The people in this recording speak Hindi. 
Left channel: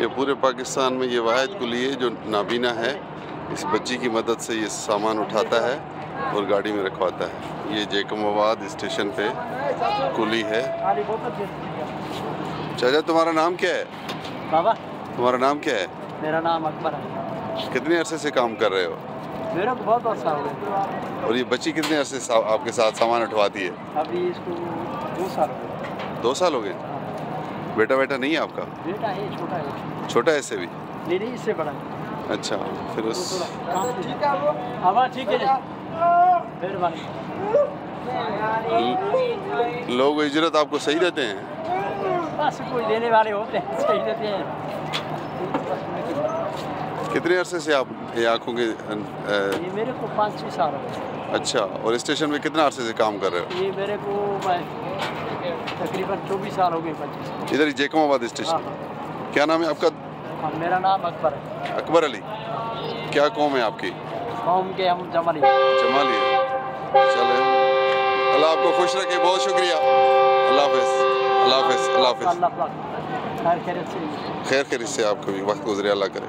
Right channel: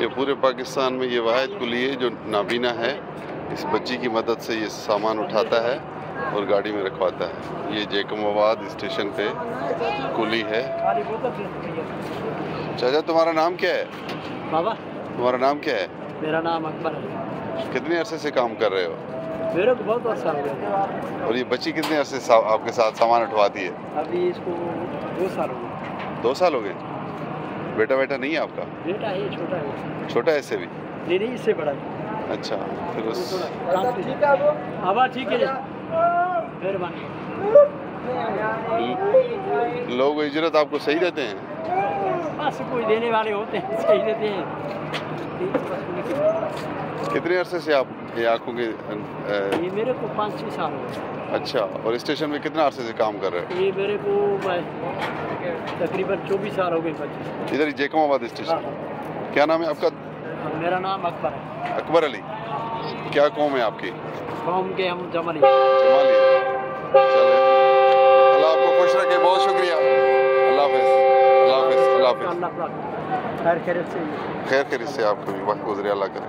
ये पूरे पाकिस्तान में ये वाहिद कुली है जो नाबीना है। इस बच्ची की मदद से ये सामान उठाता है और गाड़ी में रखवाता है। ये जैकमाबाद स्टेशन पे कुली है। चाचा तुम्हारा नाम क्या है? बाबा तुम्हारा नाम क्या है? मेरा नाम अकबर है। कितने अरसे से काम कर रहे हो? मेरे को बहुत वर्षा हो गए। और ये बच्ची कितने अरसे से आपके साथ सामान उठवाती है? अभी इसको 2 साल हो गए। 2 साल हो गए? बेटा नहीं है आपका? बेटा है, छोटा है। छोटा है इससे भी? नहीं इससे बड़ा है। अच्छा, फिर उस ठीक है, मेहरबानी। लोग इजरत आपको सही देते हैं? बस कोई देने वाले होते हैं, सही देते हैं। कितने अरसे से आप ये आँखों के ये मेरे को 5-6 साल हो गए। अच्छा, और स्टेशन में कितना अरसे से काम कर रहे हो? ये मेरे को तकरीबन 24 साल हो गए। 25 इधर ही जैकमाबाद स्टेशन। क्या नाम है आपका? मेरा नाम अकबर है। अकबर अली। क्या कौम है आपकी? कौम के हम जमाली। जमाली है। चले, अल्लाह आपको खुश रखे। बहुत शुक्रिया। अल्लाह हाफ़िज़। अल्लाह हाफ़िज़। अल्लाह हाफ़िज़। खैर खैरियत से खैर से आपको भी वक्त गुज़रे। अल्लाह करे।